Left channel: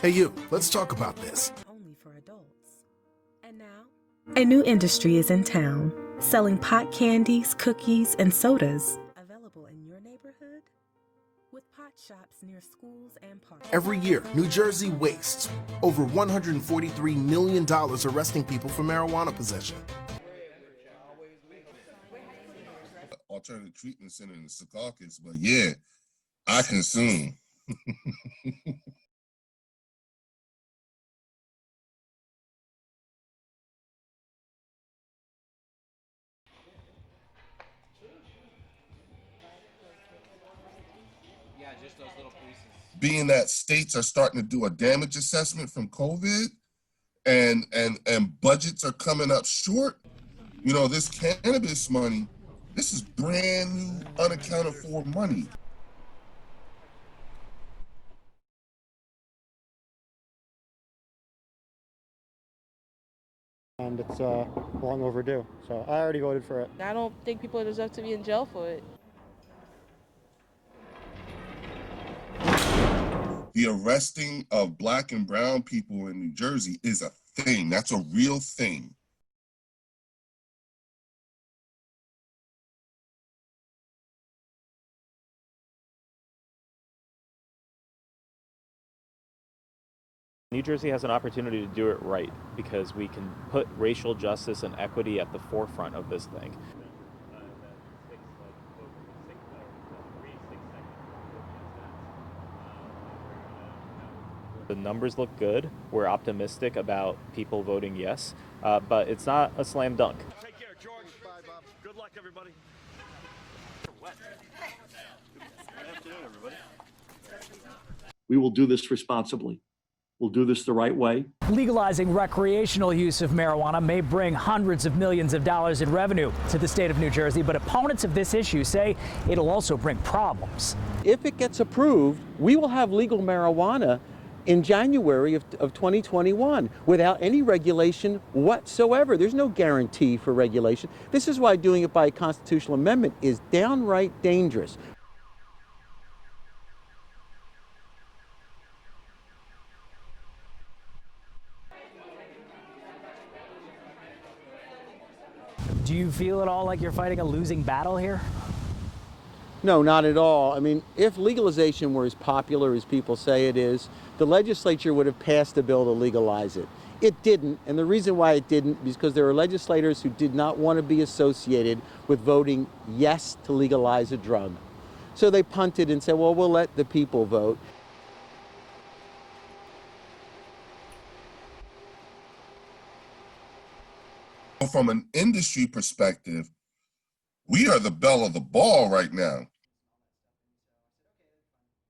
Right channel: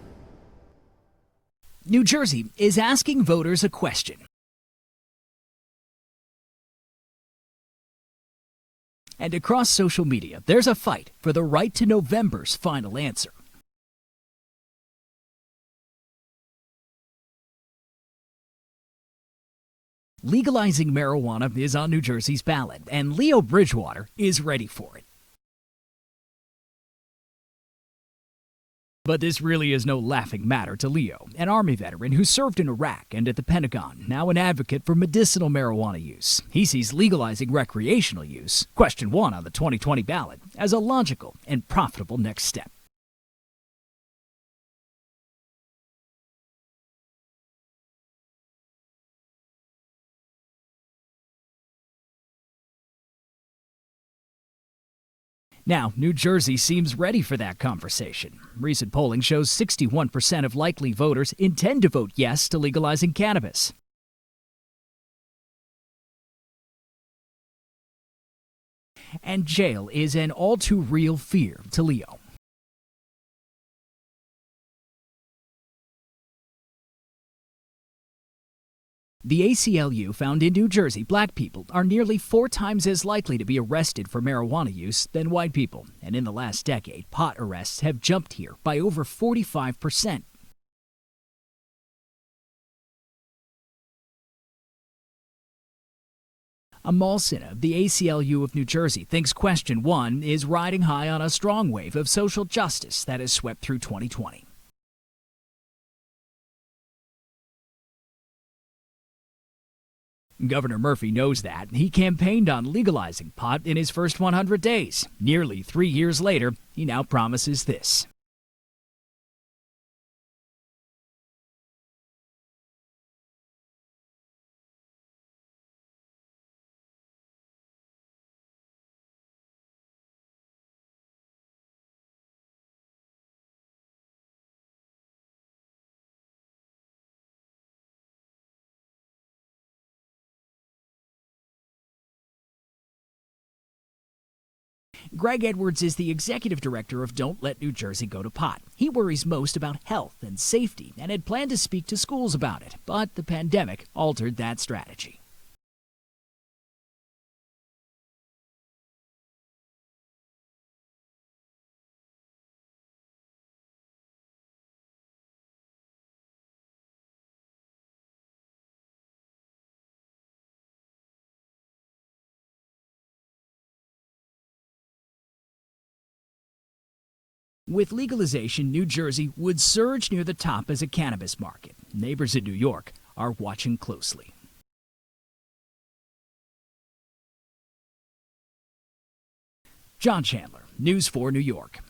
Hey you, let's talk about this. New Jersey is asking voters a question. A new industry is in town, selling pot candies, cookies, and sodas. And across social media, there's a fight for the right to November's final answer. Every year, New Jersey wastes over $143 million arresting people for marijuana possession. Legalizing marijuana is on New Jersey's ballot, and Leo Bridgewater is ready for it. Yeah, I consume. But this really is no laughing matter to Leo, an Army veteran who served in Iraq and at the Pentagon, now an advocate for medicinal marijuana use. He sees legalizing recreational use, question 1 on the 2020 ballot, as a logical and profitable next step. Being that states are starting to do a damage assessment from COVID and budgets are coming up short, you know, this cannabis money, this is brand new, unaccounted for money. Now, New Jersey seems ready for that conversation. Recent polling shows 61% of likely voters intend to vote yes to legalizing cannabis. And it's long overdue, so I already voted for it. I don't think people deserve to be in jail for it. And jail is an all-too-real fear to Leo. The arresting of black and brown people in New Jersey is a thing. That's a real thing. The ACLU found in New Jersey black people are nearly 4 times as likely to be arrested for marijuana use than white people. And in the last decade, pot arrests have jumped here by over 45%. New Jersey has an opportunity to do it right because we can put racial justice and equity at the forefront of this thing. Amal Sinha, the ACLU of New Jersey, thinks question 1 is riding high on a strong wave of social justice that has swept through 2020. The numbers look good. We're optimistic about people voting yes, but it's not a slam dunk. Governor Murphy knows that. He campaigned on legalizing pot in his first 100 days. Nearly 3 years later, he now promises this. We will do this responsibly. We'll do this the right way. Legalizing recreational use of marijuana may bring hundreds of millions of dollars in revenue to the state of New Jersey, but opponents of this issue say it'll also bring problems. If it gets approved, we will have legal marijuana in January of 2021 without any regulation whatsoever. There's no guarantee for regulation. This is why doing it by a constitutional amendment is downright dangerous. Greg Edwards is the executive director of Don't Let New Jersey Go to Pot. He worries most about health and safety and had planned to speak to schools about it, but the pandemic altered that strategy. Do you feel at all like you're fighting a losing battle here? No, not at all. I mean, if legalization were as popular as people say it is, the legislature would have passed a bill to legalize it. It didn't, and the reason why it didn't is because there are legislators who did not want to be associated with voting yes to legalize a drug. So they punted and said, well, we'll let the people vote. With legalization, New Jersey would surge near the top as a cannabis market. Neighbors in New York are watching closely. From an industry perspective, we are the belle of the ball right now. John Chandler, News 4 New York.